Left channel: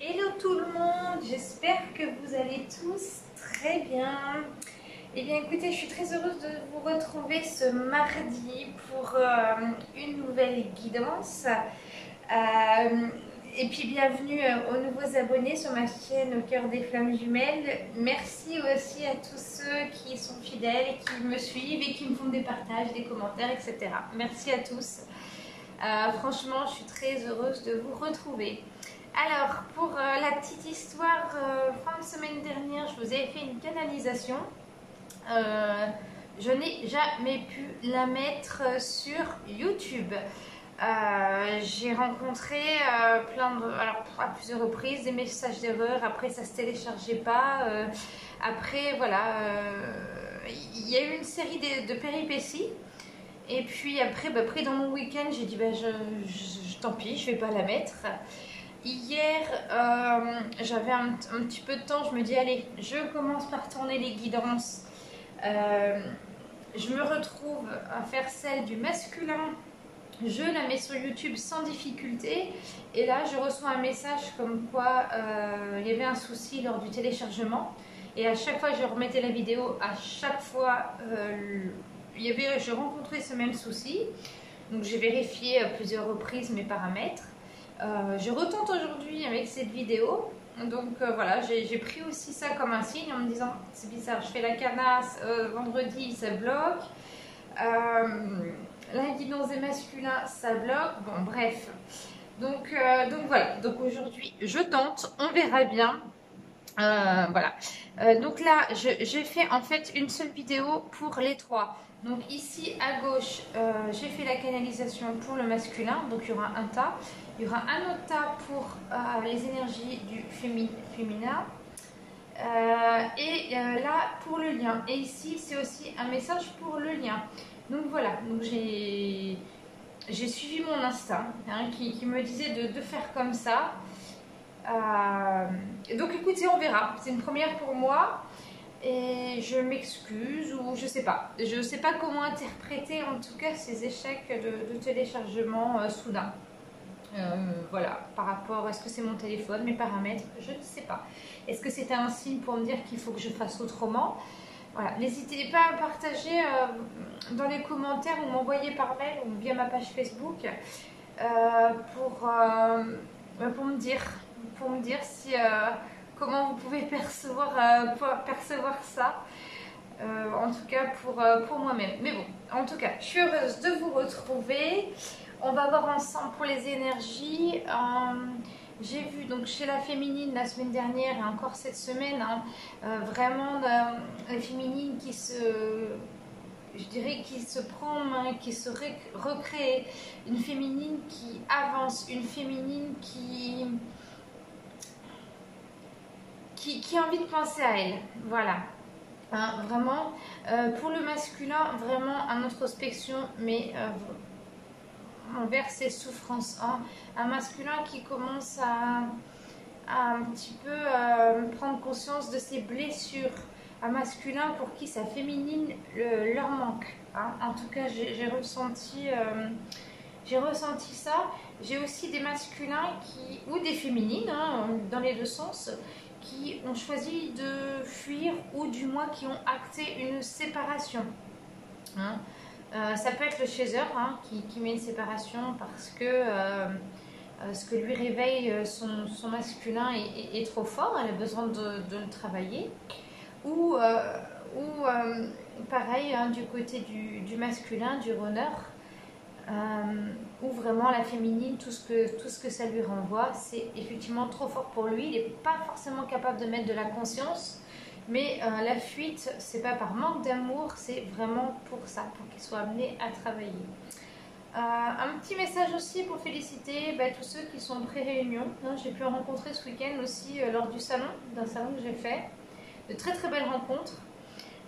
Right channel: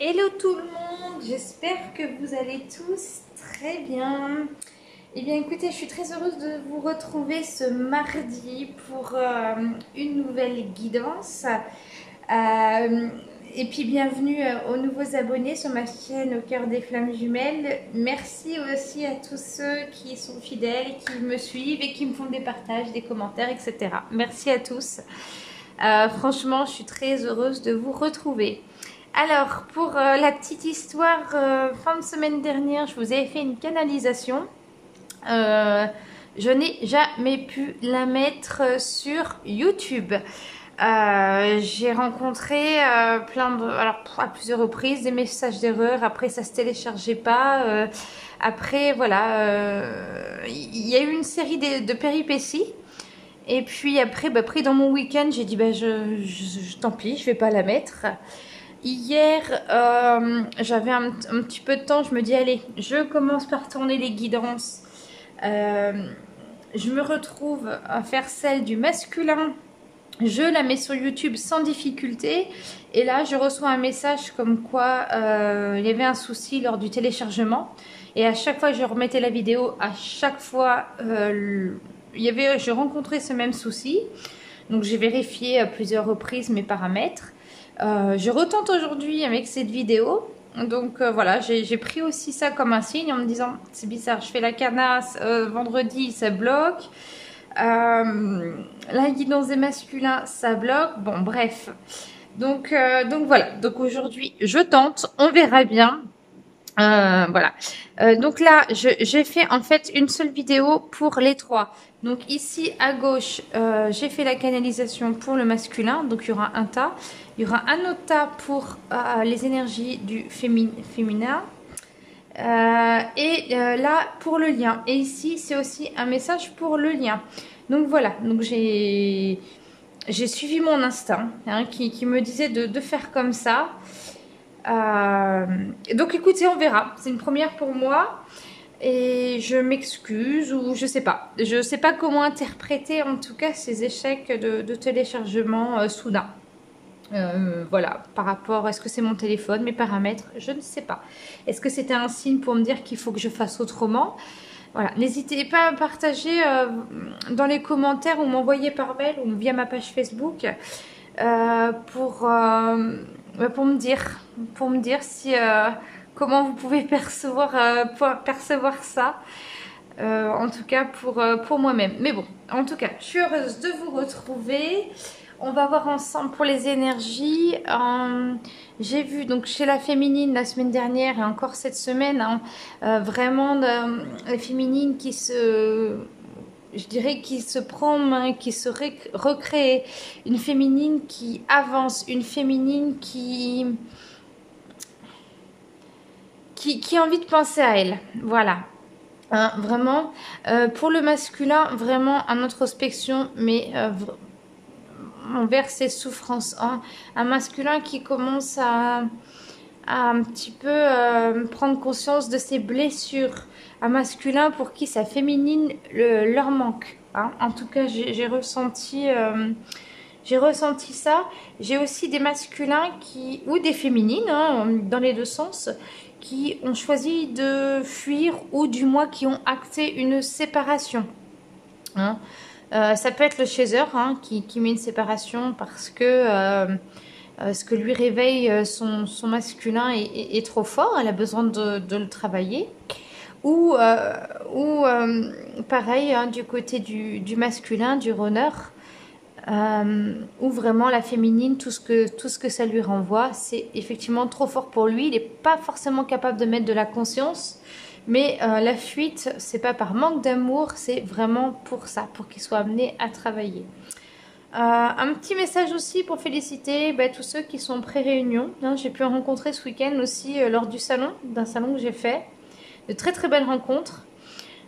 Hello tout le monde, j'espère que vous allez tous très bien. Eh bien écoutez, je suis très heureuse de vous retrouver ce mardi pour une nouvelle guidance. Euh, et puis bienvenue aux nouveaux abonnés sur ma chaîne Au cœur des flammes jumelles. Merci aussi à tous ceux qui sont fidèles et qui me suivent et qui me font des partages, des commentaires, etc. Merci à tous. Franchement, je suis très heureuse de vous retrouver. Alors, pour la petite histoire, fin de semaine dernière, je vous avais fait une canalisation. Je n'ai jamais pu la mettre sur YouTube. J'ai rencontré alors à plusieurs reprises des messages d'erreur. Après, ça se téléchargeait pas. Après, voilà, il y a eu une série de péripéties. Et puis après, pris dans mon week-end, j'ai dit tant pis, je vais pas la mettre. Hier, j'avais un petit peu de temps, je me dis allez, je commence par tourner les guidances. Je me retrouve à faire celle du masculin. Je la mets sur YouTube sans difficulté. Et là, je reçois un message comme quoi il y avait un souci lors du téléchargement. Et à chaque fois que je remettais la vidéo, à chaque fois, je rencontrais ce même souci. Donc j'ai vérifié à plusieurs reprises mes paramètres. Je retente aujourd'hui avec cette vidéo. Donc voilà, j'ai pris aussi ça comme un signe en me disant c'est bizarre, je fais la canasse, vendredi ça bloque. La guidance des masculins ça bloque. Bon bref. Donc voilà, donc aujourd'hui je tente, on verra bien. Voilà. Donc là, j'ai fait en fait une seule vidéo pour les trois. Donc ici à gauche, j'ai fait la canalisation pour le masculin. Donc il y aura un tas. Il y aura un autre tas pour les énergies du féminin. Là, pour le lien. Et ici, c'est aussi un message pour le lien. Donc voilà. Donc j'ai suivi mon instinct qui me disait de faire comme ça. Donc écoutez, on verra. C'est une première pour moi. Et je m'excuse ou je sais pas. Je sais pas comment interpréter en tout cas ces échecs de téléchargement soudain. Voilà, par rapport, est-ce que c'est mon téléphone, mes paramètres, je ne sais pas. Est-ce que c'était un signe pour me dire qu'il faut que je fasse autrement? Voilà, n'hésitez pas à partager dans les commentaires ou m'envoyer par mail ou via ma page Facebook pour me dire si comment vous pouvez percevoir ça. En tout cas pour moi-même. Mais bon, en tout cas, je suis heureuse de vous retrouver. On va voir ensemble pour les énergies. J'ai vu donc chez la féminine la semaine dernière et encore cette semaine, vraiment la féminine qui se prend, qui se recrée, une féminine qui avance, une féminine qui a envie de penser à elle. Voilà. Vraiment, pour le masculin, vraiment en introspection, mais envers ses souffrances. Un masculin qui commence à un petit peu prendre conscience de ses blessures. Un masculin pour qui sa féminine leur manque. En tout cas, j'ai ressenti ça. J'ai aussi des masculins ou des féminines, dans les deux sens, qui ont choisi de fuir ou du moins qui ont acté une séparation. Ça peut être le chaser qui met une séparation parce que ce que lui réveille son masculin est trop fort, elle a besoin de le travailler. Ou pareil, du côté du masculin, du runner, où vraiment la féminine, tout ce que ça lui renvoie, c'est effectivement trop fort pour lui. Il n'est pas forcément capable de mettre de la conscience, mais la fuite, c'est pas par manque d'amour, c'est vraiment pour ça, pour qu'il soit amené à travailler. Un petit message aussi pour féliciter tous ceux qui sont pré-réunion. J'ai pu en rencontrer ce week-end aussi lors d'un salon que j'ai fait. De très très belles rencontres.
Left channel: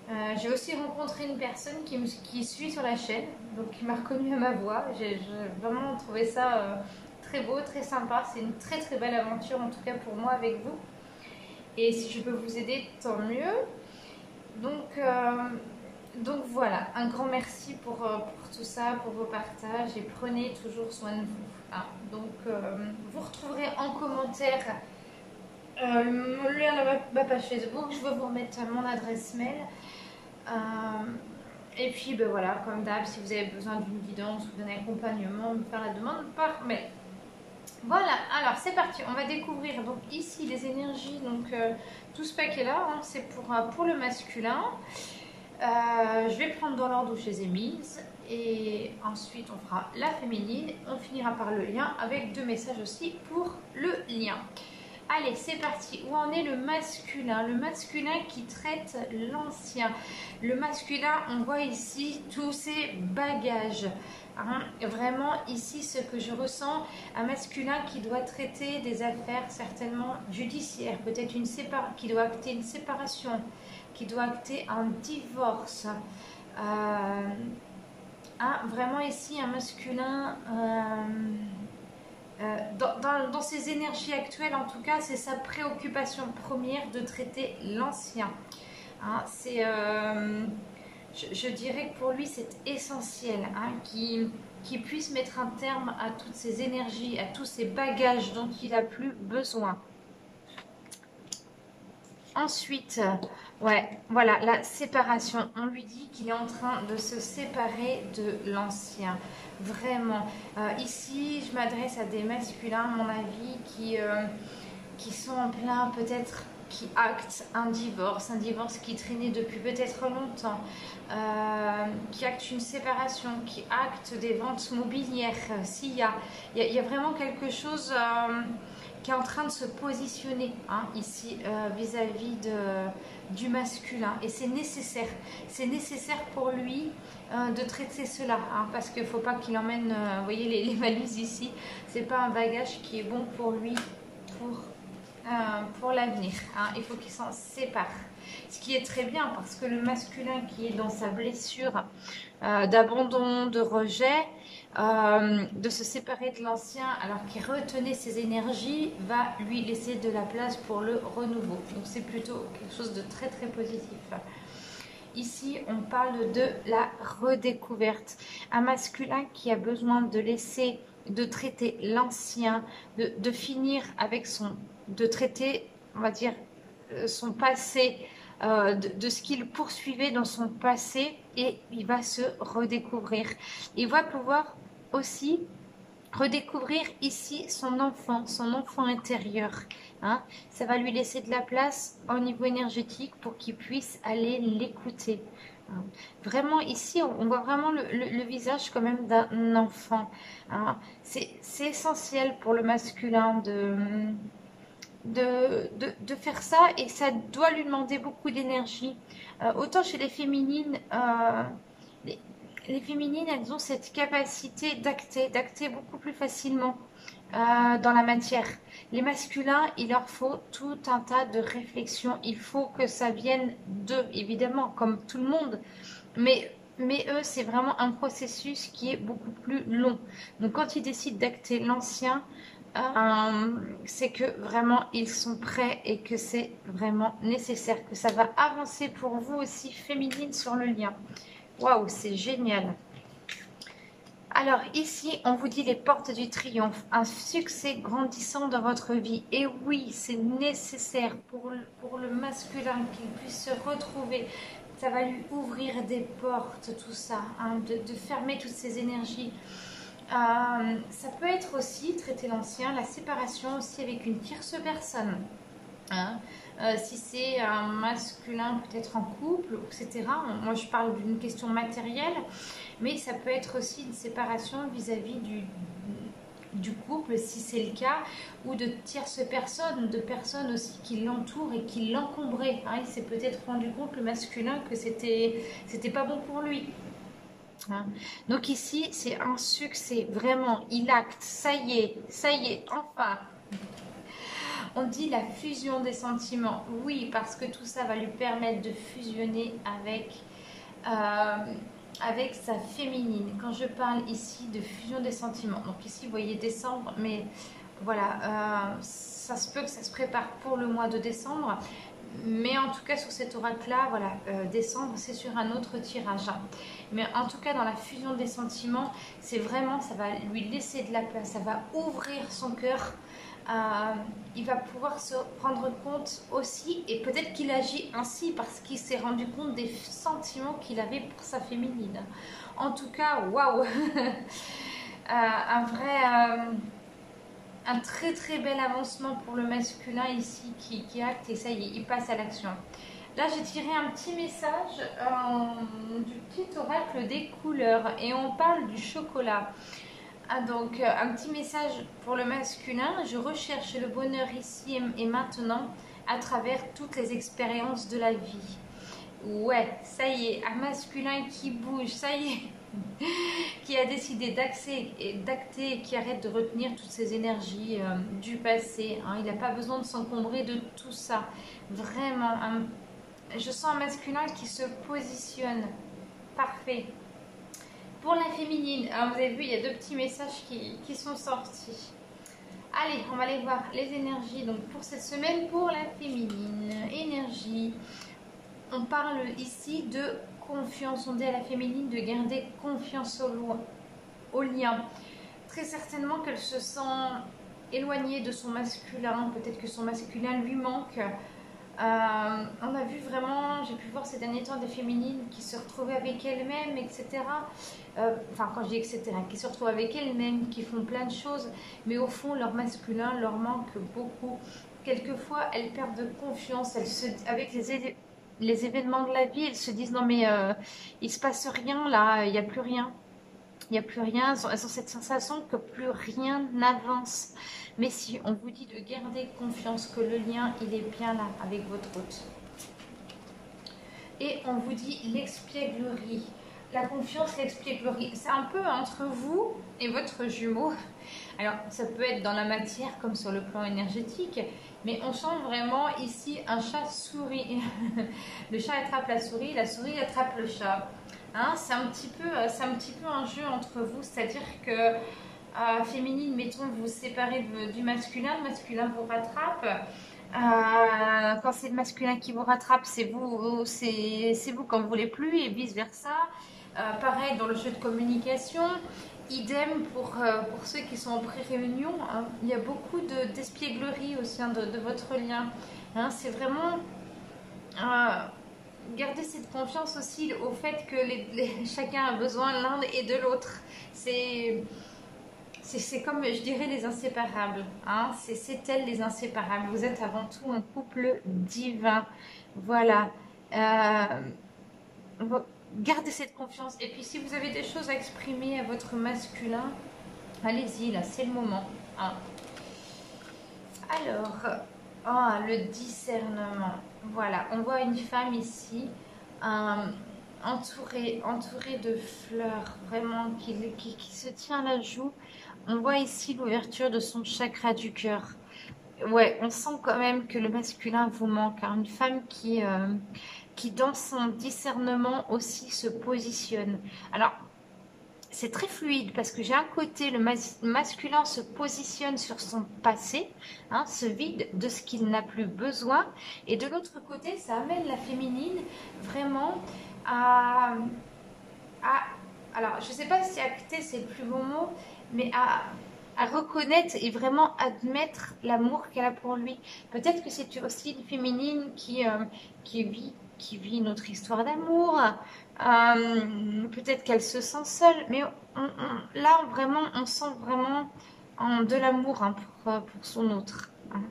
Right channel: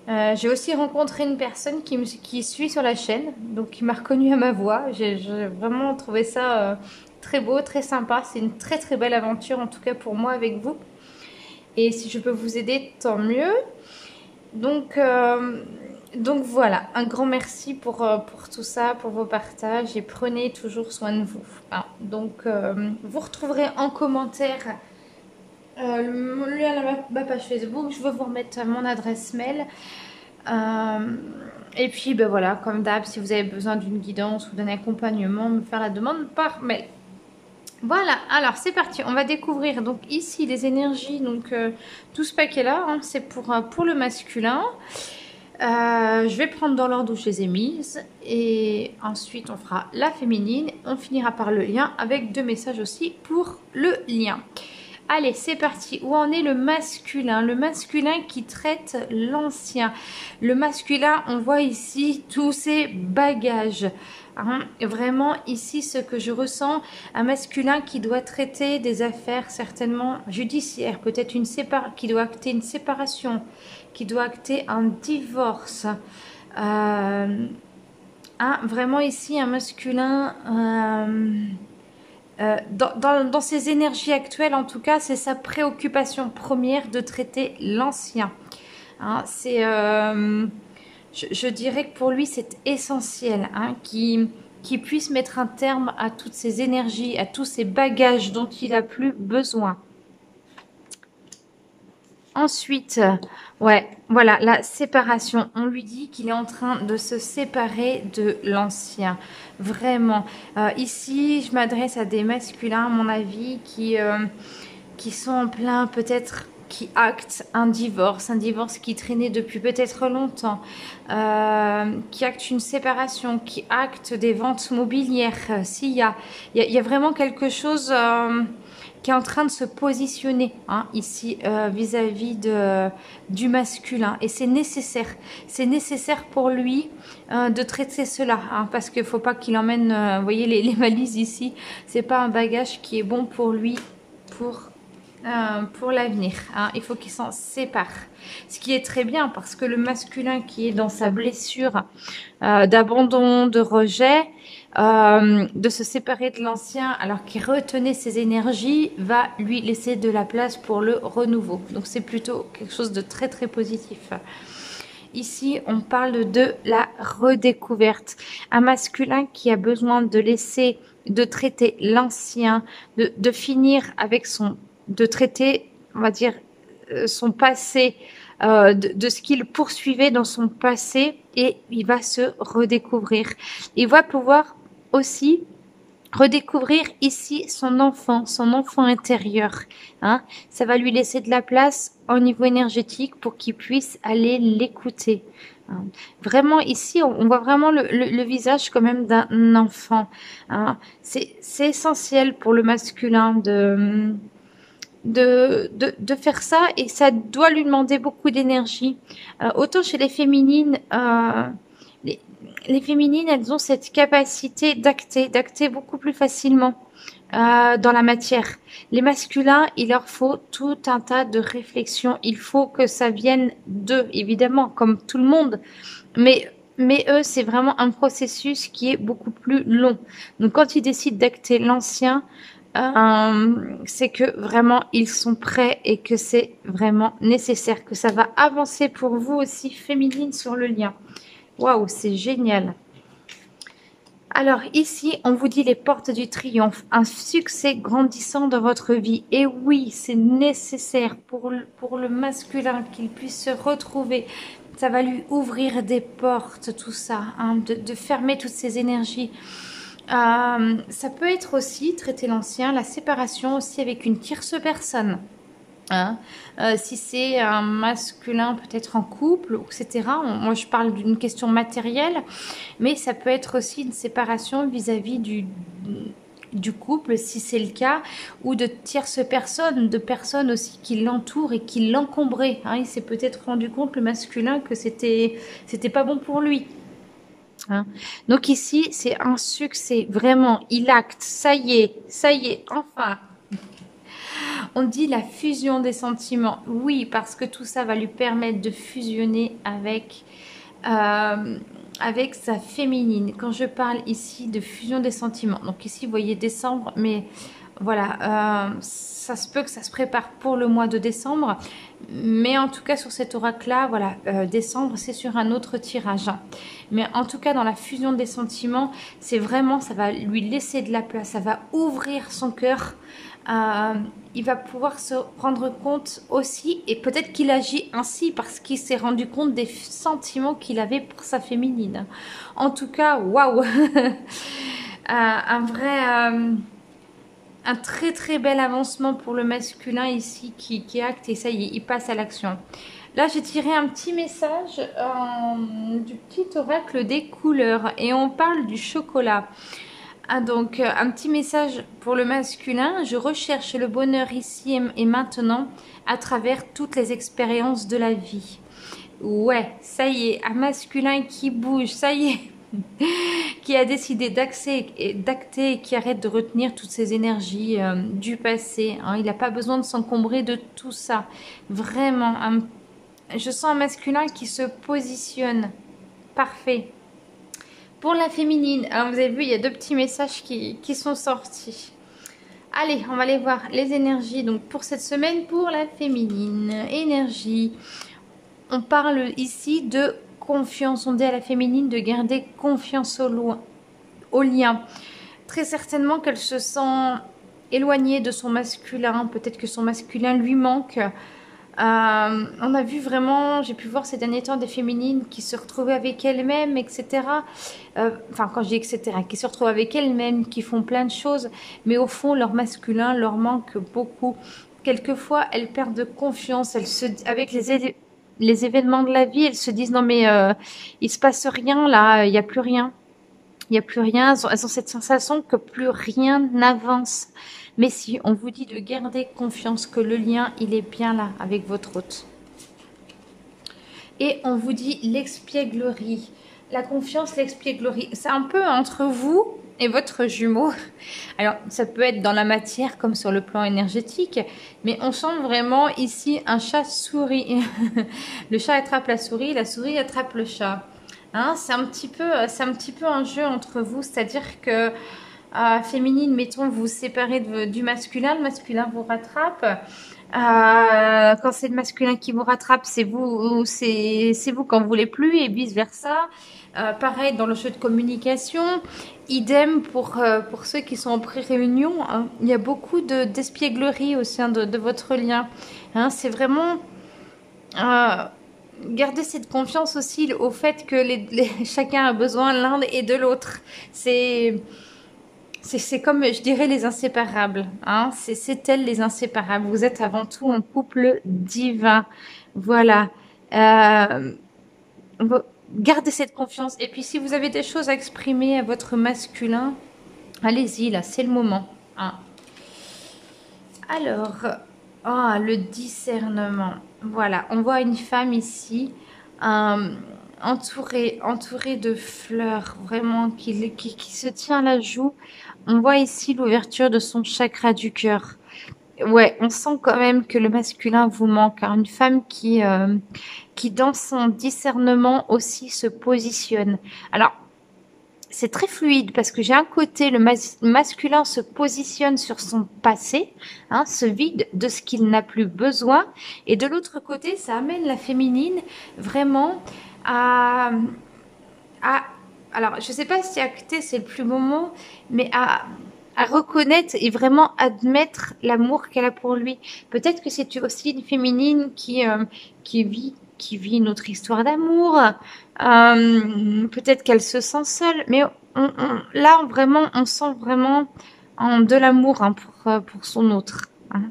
J'ai aussi rencontré une personne qui suit sur la chaîne, donc qui m'a reconnue à ma voix. J'ai vraiment trouvé ça très beau, très sympa. C'est une très très belle aventure, en tout cas pour moi avec vous. Et si je peux vous aider, tant mieux. Donc voilà, un grand merci pour tout ça, pour vos partages et prenez toujours soin de vous. Donc vous retrouverez en commentaire Le lien à ma page Facebook, je vais vous remettre mon adresse mail. Et puis, ben voilà, comme d'hab, si vous avez besoin d'une guidance ou d'un accompagnement, me faire la demande par mail. Voilà, alors c'est parti, on va découvrir donc ici les énergies, donc tout ce paquet-là, hein, c'est pour le masculin. Je vais prendre dans l'ordre où je les ai mises et ensuite on fera la féminine, on finira par le lien avec 2 messages aussi pour le lien. Allez, c'est parti. Où en est le masculin? Le masculin qui traite l'ancien. Le masculin, on voit ici tous ses bagages. Hein, vraiment, ici, ce que je ressens, un masculin qui doit traiter des affaires certainement judiciaires, peut-être qui doit acter une séparation, qui doit acter un divorce. Vraiment ici, un masculin... dans ses énergies actuelles, en tout cas, c'est sa préoccupation première de traiter l'ancien. Hein, je dirais que pour lui, c'est essentiel hein, qu'il puisse mettre un terme à toutes ces énergies, à tous ces bagages dont il n'a plus besoin. Ensuite, ouais, voilà, la séparation. On lui dit qu'il est en train de se séparer de l'ancien. Vraiment. Ici, je m'adresse à des masculins, à mon avis, qui sont en plein, peut-être, qui actent un divorce qui traînait depuis peut-être longtemps, qui acte une séparation, qui acte des ventes mobilières. Il y a vraiment quelque chose... qui est en train de se positionner hein, ici vis-à-vis du masculin. Et c'est nécessaire. C'est nécessaire pour lui de traiter cela. Hein, parce qu'il ne faut pas qu'il emmène, vous voyez, les valises ici. Ce n'est pas un bagage qui est bon pour lui pour l'avenir. Hein. Il faut qu'il s'en sépare. Ce qui est très bien parce que le masculin qui est dans sa blessure d'abandon, de rejet, de se séparer de l'ancien alors qu'il retenait ses énergies va lui laisser de la place pour le renouveau. Donc c'est plutôt quelque chose de très très positif. Ici, on parle de la redécouverte. Un masculin qui a besoin de traiter l'ancien, de finir avec de traiter, on va dire, son passé, de ce qu'il poursuivait dans son passé et il va se redécouvrir. Il va pouvoir aussi redécouvrir ici son enfant intérieur. Hein. Ça va lui laisser de la place au niveau énergétique pour qu'il puisse aller l'écouter. Hein. Vraiment ici, on voit vraiment le visage quand même d'un enfant. Hein. C'est essentiel pour le masculin de faire ça et ça doit lui demander beaucoup d'énergie. Autant chez les féminines, les féminines, elles ont cette capacité d'acter beaucoup plus facilement dans la matière. Les masculins, il leur faut tout un tas de réflexions. Il faut que ça vienne d'eux, évidemment, comme tout le monde. Mais eux, c'est vraiment un processus qui est beaucoup plus long. Donc, quand ils décident d'acter l'ancien, c'est que vraiment ils sont prêts et que c'est vraiment nécessaire, que ça va avancer pour vous aussi, féminine, sur le lien. Waouh, c'est génial. Alors ici, on vous dit les portes du triomphe, un succès grandissant dans votre vie. Et oui, c'est nécessaire pour le masculin qu'il puisse se retrouver. Ça va lui ouvrir des portes, tout ça, hein, de fermer toutes ces énergies. Ça peut être aussi, traiter l'ancien, la séparation aussi avec une tierce personne. Hein. Si c'est un masculin peut-être en couple, etc. Moi je parle d'une question matérielle, mais ça peut être aussi une séparation vis-à-vis du couple, si c'est le cas, ou de tierces personnes, de personnes aussi qui l'entourent et qui l'encombraient. Hein. Il s'est peut-être rendu compte, le masculin, que c'était pas bon pour lui. Hein. Donc ici, c'est un succès, vraiment, il acte, ça y est, enfin. On dit la fusion des sentiments. Oui, parce que tout ça va lui permettre de fusionner avec sa féminine. Quand je parle ici de fusion des sentiments, donc ici vous voyez décembre, mais voilà, ça se peut que ça se prépare pour le mois de décembre. Mais en tout cas sur cet oracle-là, voilà, décembre c'est sur un autre tirage. Mais en tout cas dans la fusion des sentiments, c'est vraiment, ça va lui laisser de la place, ça va ouvrir son cœur. il va pouvoir se rendre compte aussi, et peut-être qu'il agit ainsi parce qu'il s'est rendu compte des sentiments qu'il avait pour sa féminine. En tout cas, waouh, un vrai, un très très bel avancement pour le masculin ici qui acte et ça y est, il passe à l'action. Là, j'ai tiré un petit message du petit oracle des couleurs et on parle du chocolat. Ah, donc, un petit message pour le masculin. Je recherche le bonheur ici et maintenant à travers toutes les expériences de la vie. Ouais, ça y est, un masculin qui bouge, ça y est, qui a décidé d'acter et qui arrête de retenir toutes ces énergies du passé. Hein. Il n'a pas besoin de s'encombrer de tout ça. Vraiment, je sens un masculin qui se positionne. Parfait. Pour la féminine, alors vous avez vu, il y a deux petits messages qui sont sortis. Allez, on va aller voir les énergies. Donc pour cette semaine, pour la féminine, énergie. On parle ici de confiance. On dit à la féminine de garder confiance au lien. Très certainement qu'elle se sent éloignée de son masculin. Peut-être que son masculin lui manque. On a vu vraiment, j'ai pu voir ces derniers temps des féminines qui se retrouvaient avec elles-mêmes, etc. Enfin, quand je dis etc., qui se retrouvent avec elles-mêmes, qui font plein de choses, mais au fond, leur masculin leur manque beaucoup. Quelquefois, elles perdent de confiance. Avec les événements de la vie, elles se disent non mais il se passe rien là, il n'y a plus rien. Il n'y a plus rien, elles ont cette sensation que plus rien n'avance. Mais si on vous dit de garder confiance que le lien, il est bien là avec votre hôte. Et on vous dit l'expièglerie. La confiance, l'expièglerie, c'est un peu entre vous et votre jumeau. Alors, ça peut être dans la matière comme sur le plan énergétique, mais on sent vraiment ici un chat-souris. Le chat attrape la souris attrape le chat. Hein, c'est un petit peu un jeu entre vous, c'est-à-dire que féminine, mettons, vous vous séparez du masculin, le masculin vous rattrape. Quand c'est le masculin qui vous rattrape, c'est vous quand vous voulez plus et vice versa. Pareil dans le jeu de communication, idem pour ceux qui sont en pré-réunion. Hein. Il y a beaucoup d'espièglerie au sein de votre lien. Hein, c'est vraiment garder cette confiance aussi au fait que chacun a besoin l'un et de l'autre. C'est comme, je dirais, les inséparables. Hein. C'est elles les inséparables. Vous êtes avant tout un couple divin. Voilà. Euh, Gardez cette confiance. Et puis, si vous avez des choses à exprimer à votre masculin, allez-y, là, c'est le moment. Hein. Alors, le discernement. Voilà, on voit une femme ici, entourée de fleurs, vraiment, qui se tient à la joue. On voit ici l'ouverture de son chakra du cœur. Ouais, on sent quand même que le masculin vous manque. Hein. Une femme qui, dans son discernement aussi, se positionne. Alors, c'est très fluide parce que j'ai un côté, le masculin se positionne sur son passé, hein, se vide de ce qu'il n'a plus besoin. Et de l'autre côté, ça amène la féminine vraiment à alors, je ne sais pas si acter, c'est le plus beau mot, mais à reconnaître et vraiment admettre l'amour qu'elle a pour lui. Peut-être que c'est aussi une féminine qui vit une autre histoire d'amour. Peut-être qu'elle se sent seule, mais là, vraiment, on sent vraiment de l'amour hein, pour son autre. Hein.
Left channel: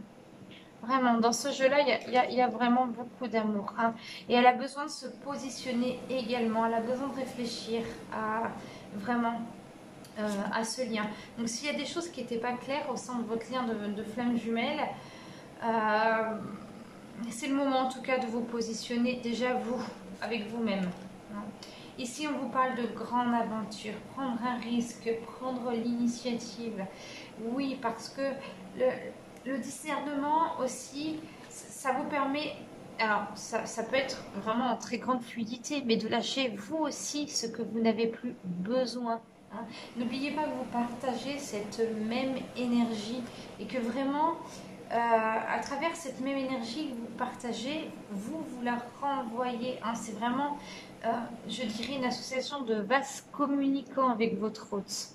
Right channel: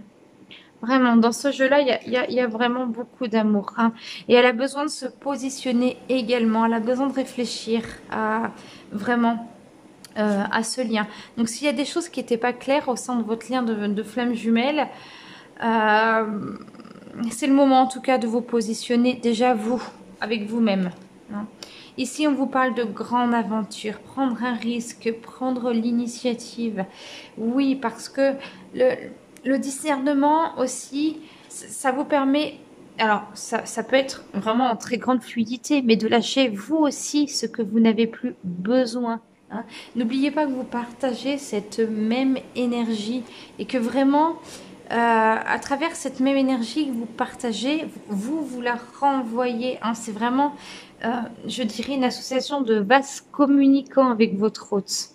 Vraiment, dans ce jeu-là, il y a vraiment beaucoup d'amour. Hein. Et elle a besoin de se positionner également. Elle a besoin de réfléchir vraiment à ce lien. Donc, s'il y a des choses qui n'étaient pas claires au sein de votre lien de flamme jumelle, c'est le moment en tout cas de vous positionner déjà vous, avec vous-même. Hein. Ici, on vous parle de grande aventure, prendre un risque, prendre l'initiative. Oui, parce que le discernement aussi, ça vous permet, alors ça peut être vraiment en très grande fluidité, mais de lâcher vous aussi ce que vous n'avez plus besoin. Hein. N'oubliez pas que vous partagez cette même énergie et que vraiment, à travers cette même énergie que vous partagez, vous la renvoyez. Hein. C'est vraiment, je dirais, une association de vases communicants avec votre hôte.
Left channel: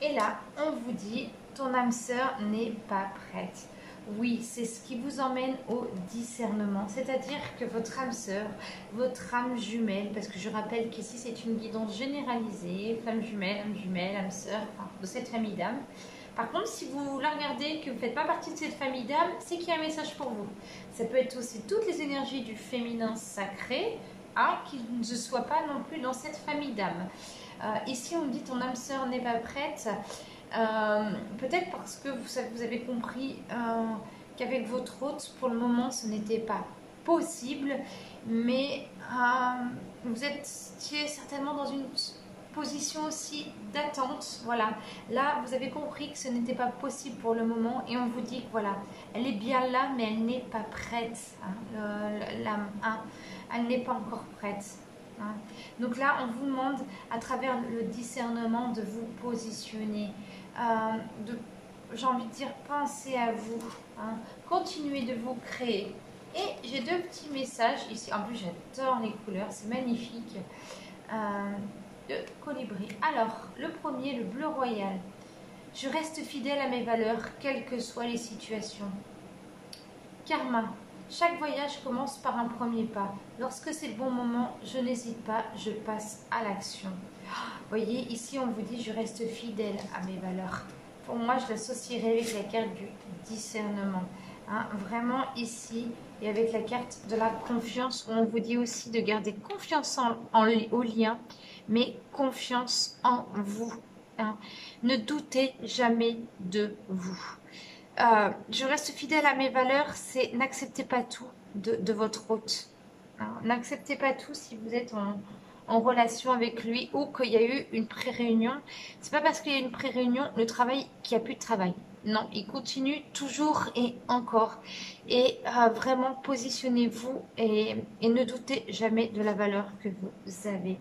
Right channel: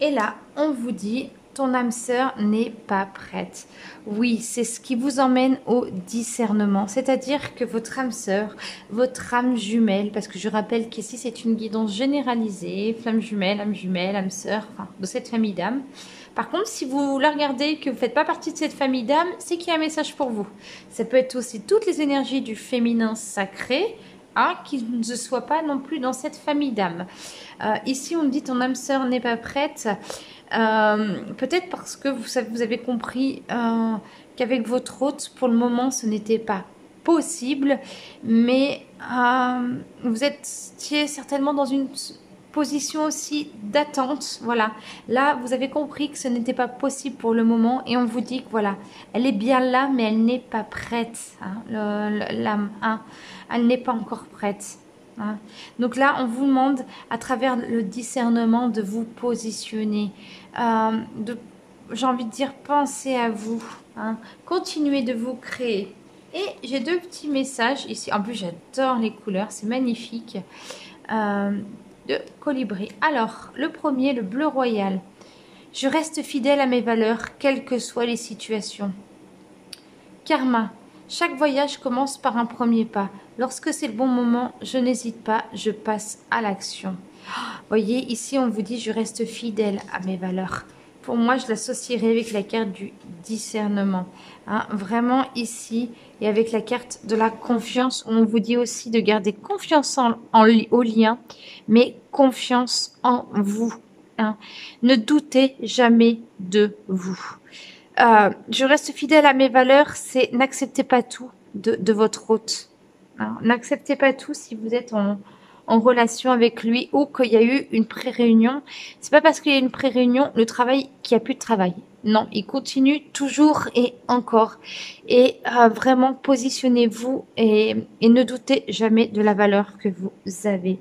Et là, on vous dit ton âme sœur n'est pas prête. Oui, c'est ce qui vous emmène au discernement. C'est-à-dire que votre âme sœur, votre âme jumelle, parce que je rappelle qu'ici c'est une guidance généralisée, flamme jumelle, âme sœur, enfin, de cette famille d'âmes. Par contre, si vous la regardez, que vous ne faites pas partie de cette famille d'âmes, c'est qu'il y a un message pour vous. Ça peut être aussi toutes les énergies du féminin sacré, qui ne soient pas non plus dans cette famille d'âmes. Ici, on me dit ton âme sœur n'est pas prête. Peut-être parce que vous avez compris qu'avec votre hôte, pour le moment, ce n'était pas possible, mais vous étiez certainement dans une position aussi d'attente. Voilà, là, vous avez compris que ce n'était pas possible pour le moment et on vous dit que voilà, elle est bien là, mais elle n'est pas prête. L'âme, elle n'est pas encore prête. Donc là, on vous demande, à travers le discernement, de vous positionner. J'ai envie de dire, pensez à vous. Continuez de vous créer. Et j'ai deux petits messages ici. En plus, j'adore les couleurs, c'est magnifique. De colibri. Alors, le premier, le bleu royal. Je reste fidèle à mes valeurs, quelles que soient les situations. Karma. Chaque voyage commence par un premier pas. Lorsque c'est le bon moment, je n'hésite pas, je passe à l'action. Voyez, ici on vous dit je reste fidèle à mes valeurs. Pour moi, je l'associerai avec la carte du discernement. Vraiment ici, et avec la carte de la confiance, on vous dit aussi de garder confiance au lien, mais confiance en vous. Ne doutez jamais de vous. Je reste fidèle à mes valeurs, c'est n'acceptez pas tout de votre hôte. N'acceptez pas tout si vous êtes en relation avec lui ou qu'il y a eu une pré-réunion. C'est pas parce qu'il y a une pré-réunion qu'il n'y a plus de travail. Non, il continue toujours et encore. Et vraiment, positionnez-vous et ne doutez jamais de la valeur que vous avez.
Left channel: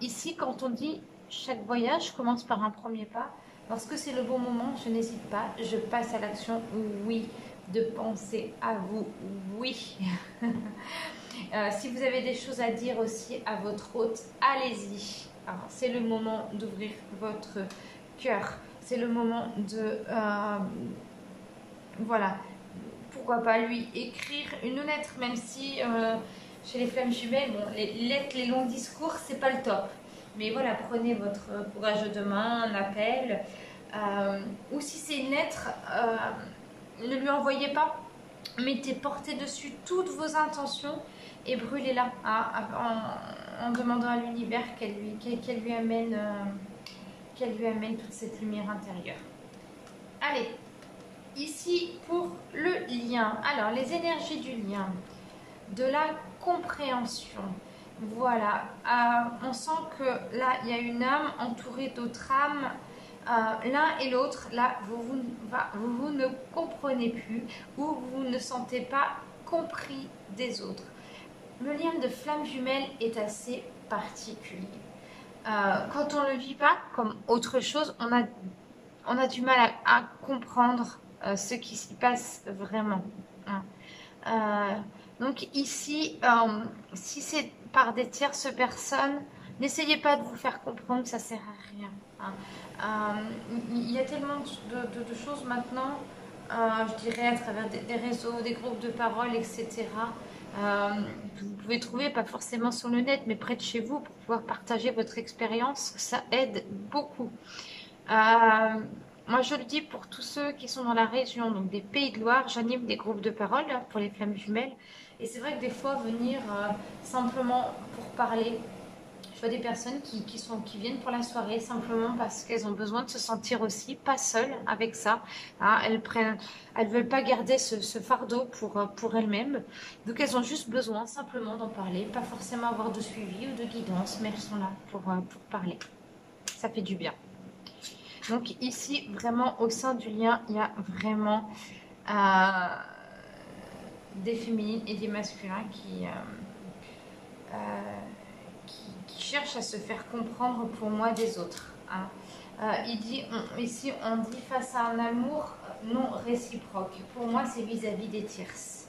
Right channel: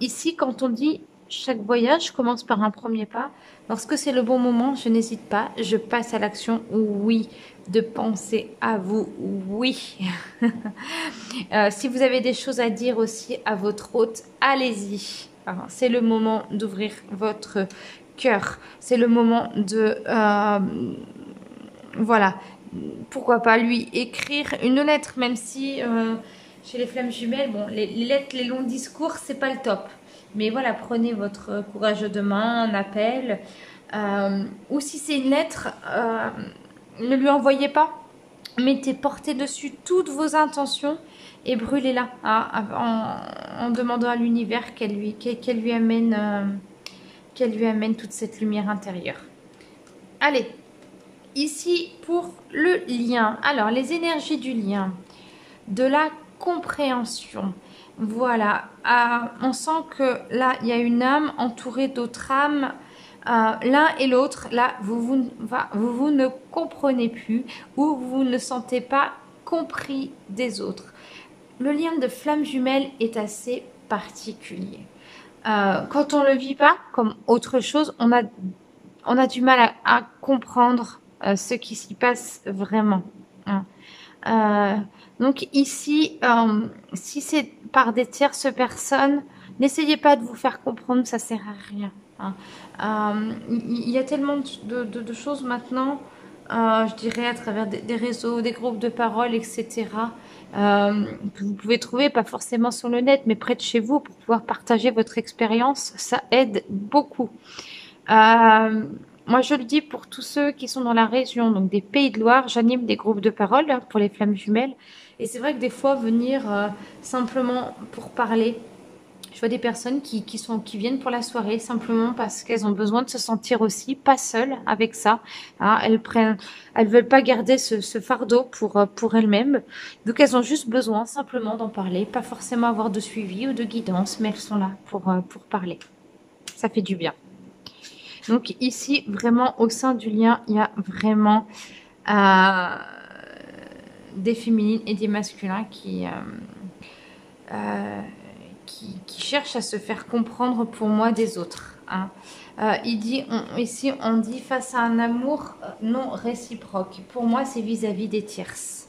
Ici, quand on dit chaque voyage commence par un premier pas, lorsque c'est le bon moment, je n'hésite pas, je passe à l'action, oui, de penser à vous, oui. Si vous avez des choses à dire aussi à votre hôte, allez-y. C'est le moment d'ouvrir votre cœur. C'est le moment de, voilà, pourquoi pas lui écrire une lettre, même si chez les flammes jumelles, bon, les lettres, les longs discours, c'est pas le top. Mais voilà, prenez votre courage demain, un appel. Ou si c'est une lettre, ne lui envoyez pas. Portez dessus toutes vos intentions et brûlez-la en demandant à l'univers qu'elle lui amène toute cette lumière intérieure. Allez, ici pour le lien. Alors, les énergies du lien, de la compréhension. Voilà, on sent que là, il y a une âme entourée d'autres âmes. L'un et l'autre, là, vous ne comprenez plus ou vous ne sentez pas compris des autres. Le lien de flamme jumelle est assez particulier. Quand on ne le vit pas comme autre chose, on a du mal à comprendre ce qui s'y passe vraiment. Donc ici, si c'est par des tierces personnes, n'essayez pas de vous faire comprendre, ça sert à rien. Il y a tellement de choses maintenant, je dirais à travers des réseaux, des groupes de parole, etc. Que vous pouvez trouver, pas forcément sur le net, mais près de chez vous pour pouvoir partager votre expérience, ça aide beaucoup. Moi, je le dis pour tous ceux qui sont dans la région, donc des Pays de Loire, j'anime des groupes de parole pour les flammes jumelles. Et c'est vrai que des fois, venir simplement pour parler, je vois des personnes qui viennent pour la soirée simplement parce qu'elles ont besoin de se sentir aussi pas seules avec ça. Elles veulent pas garder ce fardeau pour elles-mêmes. Donc, elles ont juste besoin simplement d'en parler, pas forcément avoir de suivi ou de guidance, mais elles sont là pour parler. Ça fait du bien. Donc ici, vraiment, au sein du lien, il y a vraiment des féminines et des masculins qui cherchent à se faire comprendre pour moi des autres. Ici, on dit face à un amour non réciproque. Pour moi, c'est vis-à-vis des tierces.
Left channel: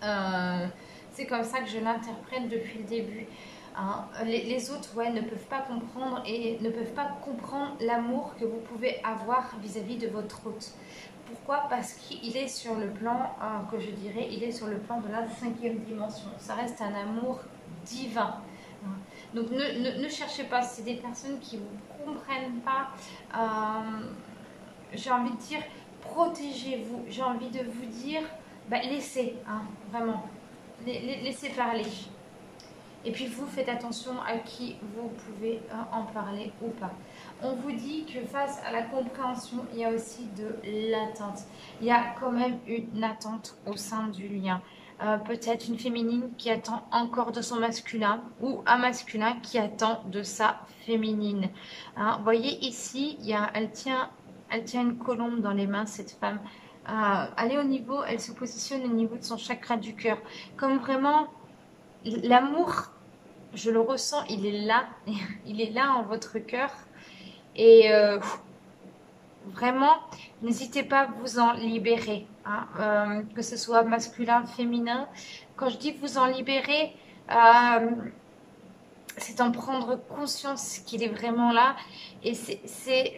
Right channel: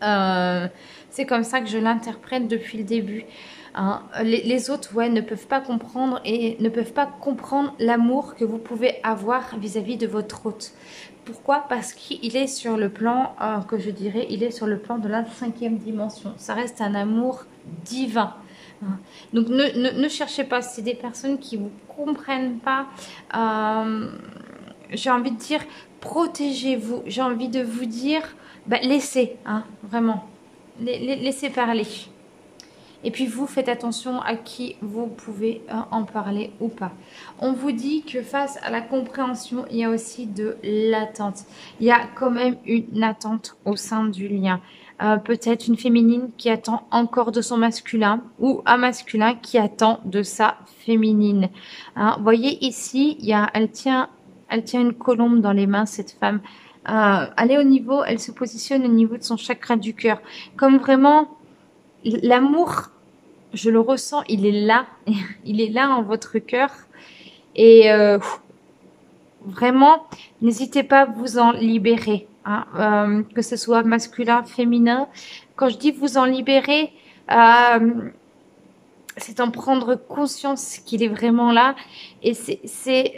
C'est comme ça que je l'interprète depuis le début. hein. Les autres, ouais, ne peuvent pas comprendre et ne peuvent pas comprendre l'amour que vous pouvez avoir vis-à-vis de votre hôte. Pourquoi? Parce qu'il est sur le plan, que je dirais, il est sur le plan de la 5e dimension. Ça reste un amour divin. Donc ne cherchez pas, c'est des personnes qui ne vous comprennent pas. J'ai envie de dire, protégez-vous. J'ai envie de vous dire, bah, laissez, hein, vraiment. Laissez parler. Et puis vous, faites attention à qui vous pouvez en parler ou pas. On vous dit que face à la compréhension, il y a aussi de l'attente. Il y a quand même une attente au sein du lien. Peut-être une féminine qui attend encore de son masculin ou un masculin qui attend de sa féminine. Hein, vous voyez ici, elle tient une colombe dans les mains, cette femme. Elle se positionne au niveau de son chakra du cœur. Comme vraiment, l'amour, je le ressens, il est là. Il est là en votre cœur. Et vraiment, n'hésitez pas à vous en libérer. Hein, que ce soit masculin, féminin. Quand je dis vous en libérer, c'est en prendre conscience qu'il est vraiment là. Et c'est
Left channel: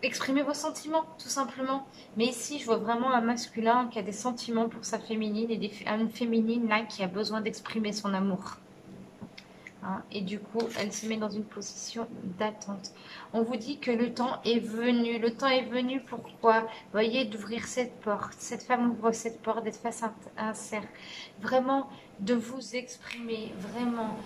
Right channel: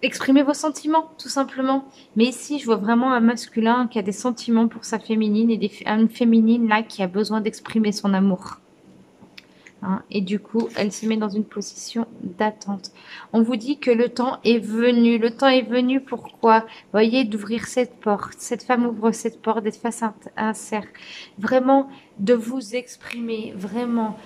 exprimer vos sentiments, tout simplement. Mais ici, je vois vraiment un masculin qui a des sentiments pour sa féminine et une féminine là qui a besoin d'exprimer son amour. Hein, et du coup, elle se met dans une position d'attente. On vous dit que le temps est venu. Le temps est venu, pourquoi? Vous voyez, d'ouvrir cette porte. Cette femme ouvre cette porte, d'être face à un cercle. Vraiment, de vous exprimer, vraiment.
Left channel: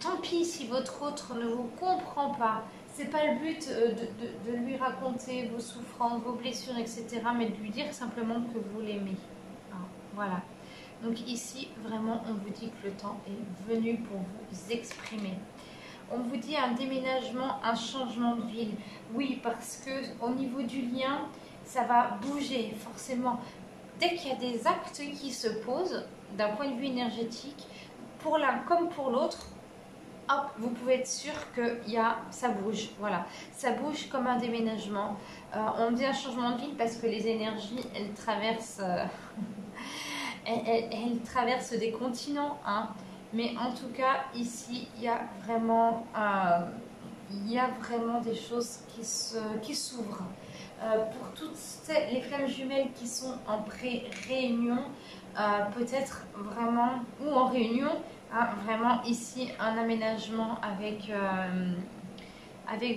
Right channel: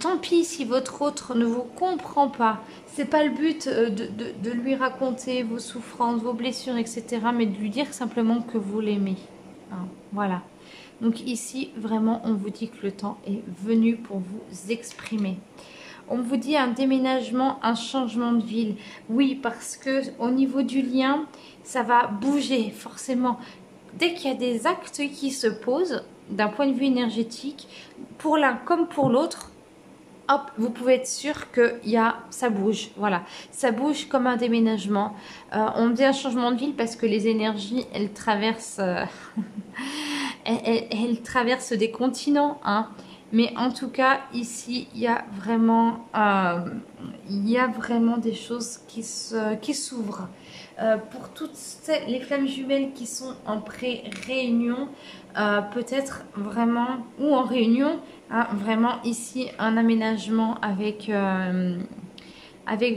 Tant pis si votre autre ne vous comprend pas. C'est pas le but de lui raconter vos souffrances, vos blessures, etc. Mais de lui dire simplement que vous l'aimez. Hein, voilà. Donc ici, vraiment, on vous dit que le temps est venu pour vous exprimer. On vous dit un déménagement, un changement de ville. Oui, parce que au niveau du lien, ça va bouger forcément. Dès qu'il y a des actes qui se posent, d'un point de vue énergétique, pour l'un comme pour l'autre, hop, vous pouvez être sûr que ça bouge. Voilà, ça bouge comme un déménagement. On dit un changement de ville parce que les énergies, elles traversent... Elle traverse des continents, hein. Mais en tout cas, ici, il y a vraiment des choses qui s'ouvrent. Pour toutes les flammes jumelles qui sont en pré-réunion, peut-être vraiment, ou en réunion, hein, vraiment ici, un aménagement avec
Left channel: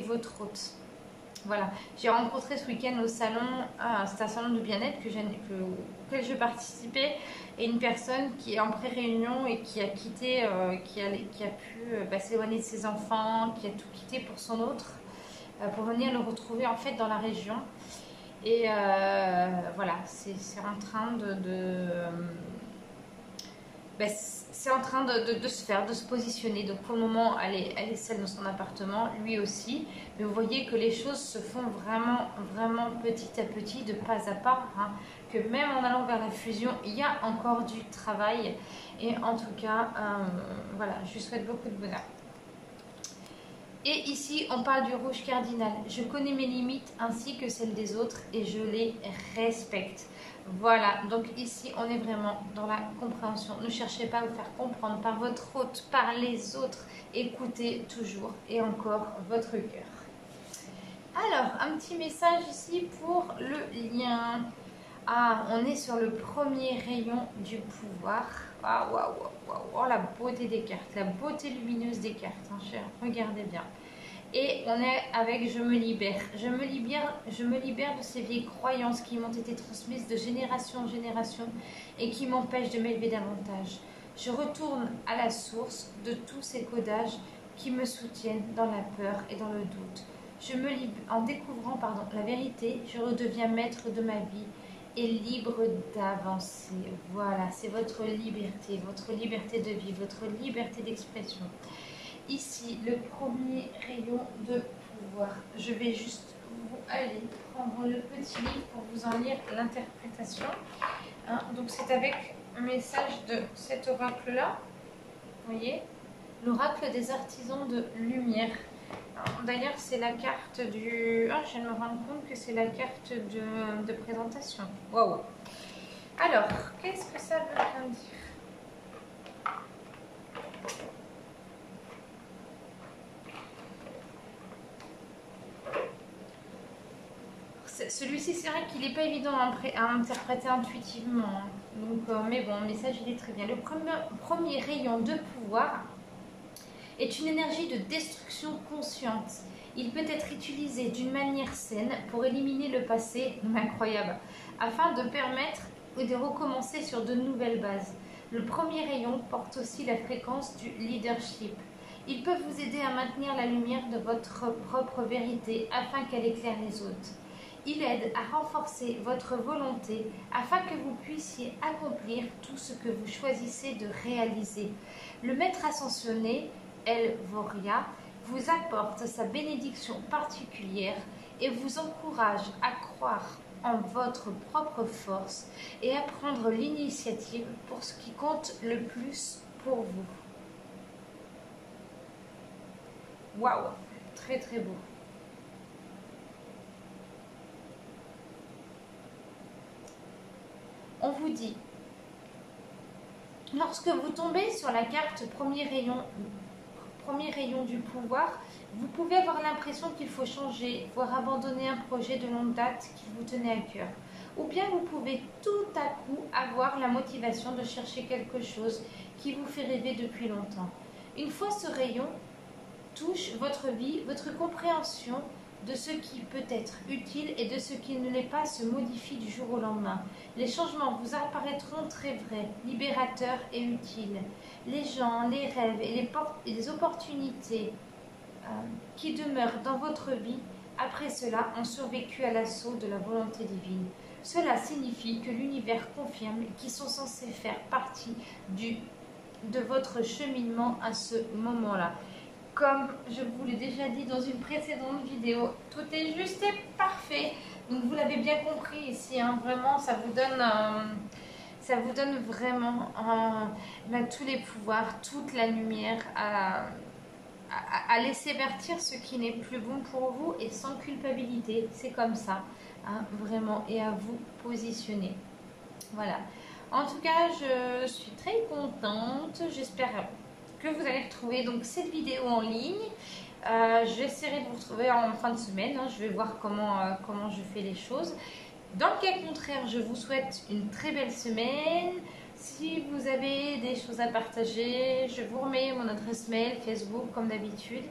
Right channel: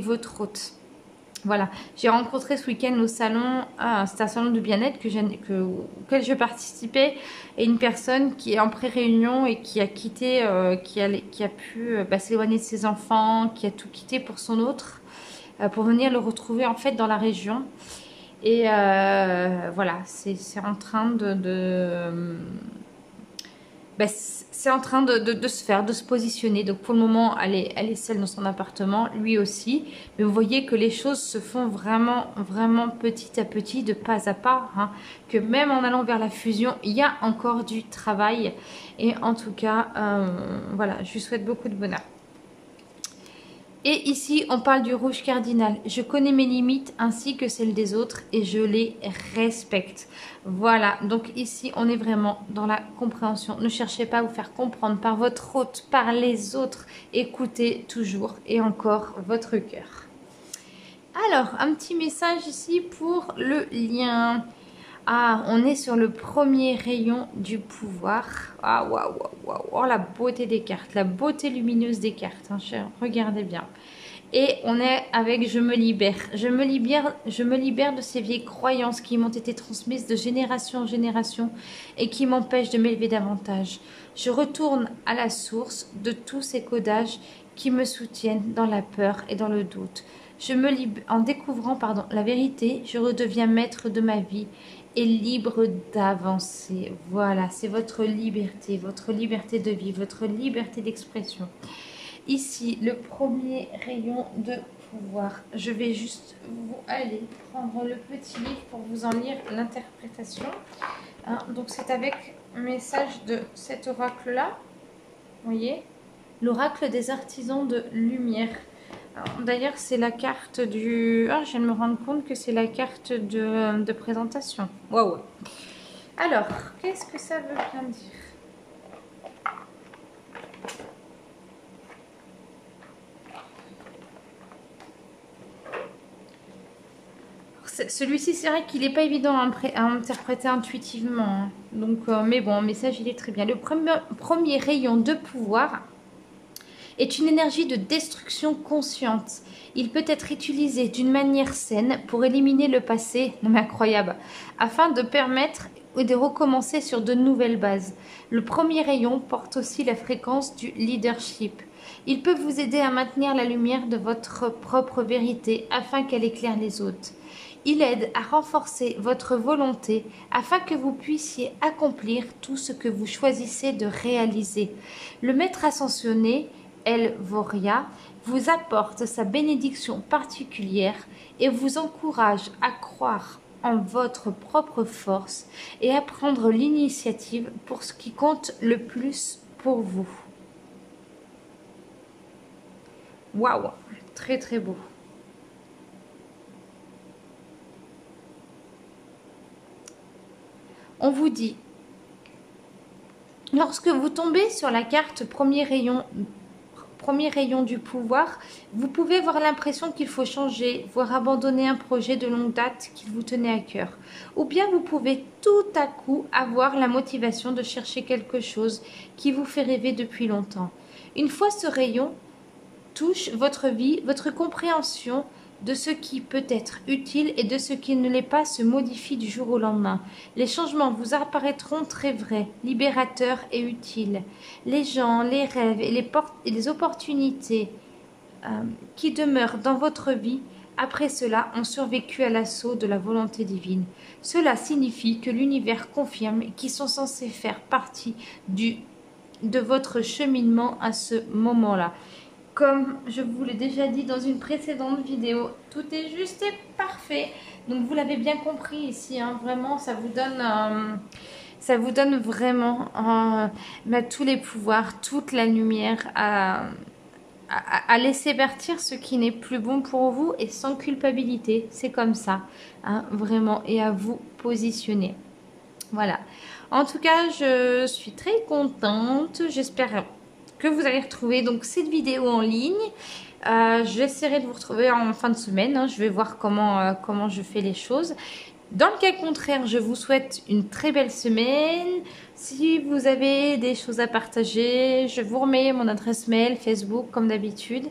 votre hôte. Voilà, j'ai rencontré ce week-end au salon, c'était un salon de bien-être auquel je participais, et une personne qui est en pré-réunion et qui a quitté, qui a pu s'éloigner de ses enfants, qui a tout quitté pour son autre, pour venir le retrouver en fait dans la région. Et voilà, c'est en train c'est en train de se faire, de se positionner. Donc pour le moment, elle est seule dans son appartement, lui aussi. Mais vous voyez que les choses se font vraiment, vraiment petit à petit, de pas à pas. Hein. Que même en allant vers la fusion, il y a encore du travail. Et en tout cas, voilà, je lui souhaite beaucoup de bonheur. Et ici, on parle du rouge cardinal. Je connais mes limites ainsi que celles des autres et je les respecte. Voilà, donc ici, on est vraiment dans la compréhension. Ne cherchez pas à vous faire comprendre par votre hôte, par les autres. Écoutez toujours et encore votre cœur. Alors, un petit message ici pour le lien. Ah, on est sur le premier rayon du pouvoir. Ah, waouh, waouh, waouh. Oh, la beauté des cartes, la beauté lumineuse des cartes. Hein, regardez bien. Et on est avec je me libère. Je me libère de ces vieilles croyances qui m'ont été transmises de génération en génération et qui m'empêchent de m'élever davantage. Je retourne à la source de tous ces codages qui me soutiennent dans la peur et dans le doute. En découvrant la vérité, je redeviens maître de ma vie et libre d'avancer. Voilà, c'est votre liberté de vie, votre liberté d'expression. Ici, le premier rayon de pouvoir. Je vais juste aller prendre le petit livre pour vous en lire l'interprétation. Hein, donc, c'est avec un message de cet oracle-là. Vous voyez, l'oracle des artisans de lumière. D'ailleurs, c'est la carte du... Ah, je viens de me rendre compte que c'est la carte de présentation. Waouh. Alors, qu'est-ce que ça veut bien dire? Celui-ci, c'est vrai qu'il n'est pas évident à interpréter intuitivement, hein. Donc, mais bon, le message, il est très bien. Le premier rayon de pouvoir est une énergie de destruction consciente. Il peut être utilisé d'une manière saine pour éliminer le passé, non mais incroyable, afin de permettre de recommencer sur de nouvelles bases. Le premier rayon porte aussi la fréquence du leadership. Il peut vous aider à maintenir la lumière de votre propre vérité afin qu'elle éclaire les autres. Il aide à renforcer votre volonté afin que vous puissiez accomplir tout ce que vous choisissez de réaliser. Le maître ascensionné, El Voria, vous apporte sa bénédiction particulière et vous encourage à croire en votre propre force et à prendre l'initiative pour ce qui compte le plus pour vous. Waouh, très très beau. On vous dit, lorsque vous tombez sur la carte premier rayon du pouvoir, vous pouvez avoir l'impression qu'il faut changer, voire abandonner un projet de longue date qui vous tenait à cœur. Ou bien vous pouvez tout à coup avoir la motivation de chercher quelque chose qui vous fait rêver depuis longtemps. Une fois ce rayon touche votre vie, votre compréhension de ce qui peut être utile et de ce qui ne l'est pas se modifie du jour au lendemain. Les changements vous apparaîtront très vrais, libérateurs et utiles. Les gens, les rêves et les opportunités qui demeurent dans votre vie après cela ont survécu à l'assaut de la volonté divine. Cela signifie que l'univers confirme qu'ils sont censés faire partie de votre cheminement à ce moment-là. Comme je vous l'ai déjà dit dans une précédente vidéo, tout est juste et parfait. Donc vous l'avez bien compris ici, hein, vraiment, ça vous donne vraiment tous les pouvoirs, toute la lumière à laisser partir ce qui n'est plus bon pour vous et sans culpabilité. C'est comme ça, hein, vraiment, et à vous positionner. Voilà. En tout cas, je suis très contente. J'espère que vous allez retrouver donc cette vidéo en ligne. J'essaierai de vous retrouver en fin de semaine, hein. Je vais voir comment je fais les choses. Dans le cas contraire, je vous souhaite une très belle semaine. Si vous avez des choses à partager, je vous remets mon adresse mail, Facebook comme d'habitude.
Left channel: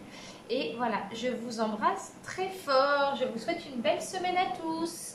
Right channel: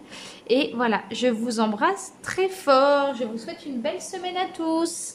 Et voilà, je vous embrasse très fort. Je vous souhaite une belle semaine à tous.